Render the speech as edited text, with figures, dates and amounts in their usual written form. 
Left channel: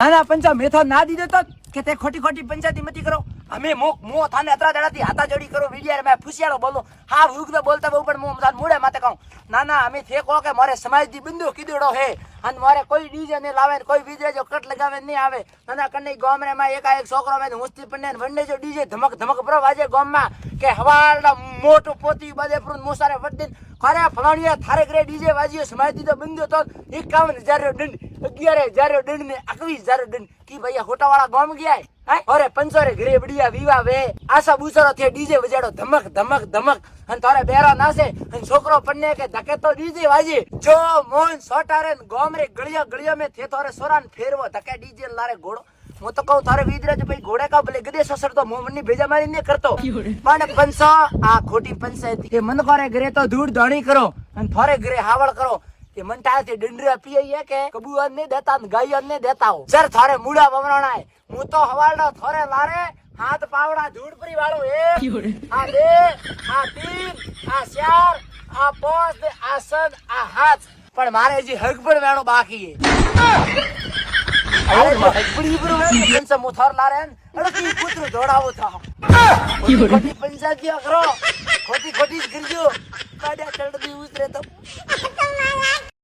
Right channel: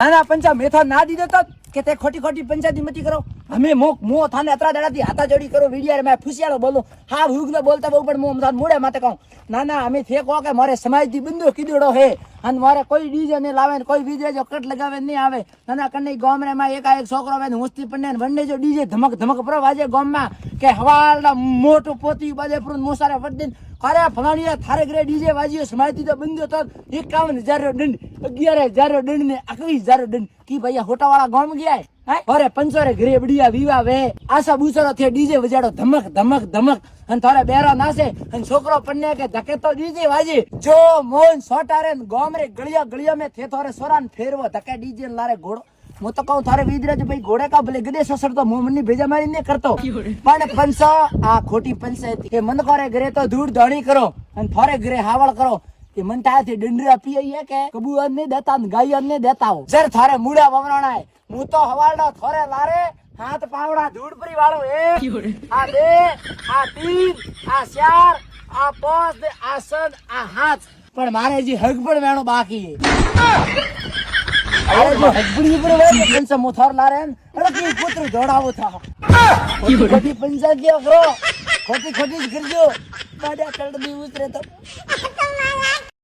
નાના પંચા મેથો ના દીધો તો કે તે ખોટી ખોટી પંચાયતી મતી કરો અમે મો થાને અતરા દડાથી હાથા જોડી કરો વિડિયા મે ફુસિયાળો બોલું હા હુગને બોલતા બહુ પણ મો મોડે માથે કહું ના અમે ફેકો કે મારે સમાજથી બંધો કીધુડો હે અને મારે કોઈ ડીજે ને લાવે ને કોઈ બીજે જો કટ લગાવે નહીં આવે નાના કન્ને ગામરે માં એક છોકરો આવે હુસ્તી પન્ને વંડે જો ડીજે ધમક ધમક પર વાજે ગામમાં કે હવાળા મોટું પોતી બાજે પર મોસારે વડીન અરે ફલાણીયા થારે ઘરે ડીજે વાજ્યો સમાજથી તો બંધો તો 51,000 દંડ 11,000 દંડ ને 21,000 દંડ કી ભાઈ હોટાવાળા ગામ ગયા અરે પંચોરે ઘરે બડિયા વિવા વે આશા બુસારો થી ડીજે વજાડો ધમક ધમક ધમક અને તારે બેરો નાસે અને છોકરો પન્ને કે ધકે તો ડીજે વાજી જો મોન સોટારે ગોમરે ગળિયા મે થે તારે સોરાન ફેરવો ધકે ડીજે લારે ઘોડો હું તો કહું તારે વિદરાજ ભાઈ ઘોડે કા ભલે ગદે સસરતો મોમની ભેજા મારી ને કરતો પણ પંચો આ ખોટી પંચાયત એ મન કરે ઘરે તો ધૂળ ધણી કરો અને થોરે ઘરે હાવળ કરો એ મનટાથી ડંડરા પીએ કે કબૂઅન ને દેતા ને ગાયન ને દેતા હો જર થારે મુડા બમરાણાય હું તો હવાળનો થોરે લારે હાથ પાવડા ધૂળપરી વાળો એ આ બે આ તીન આ ચાર આ પાંચ ને આ સન આ હાથ પણ મારે જે હગ પણ વેણો બાકી મોથર લારે પુત્ર જોડાવો થા ખોટી પંચાયત કરો ખોટી કરજો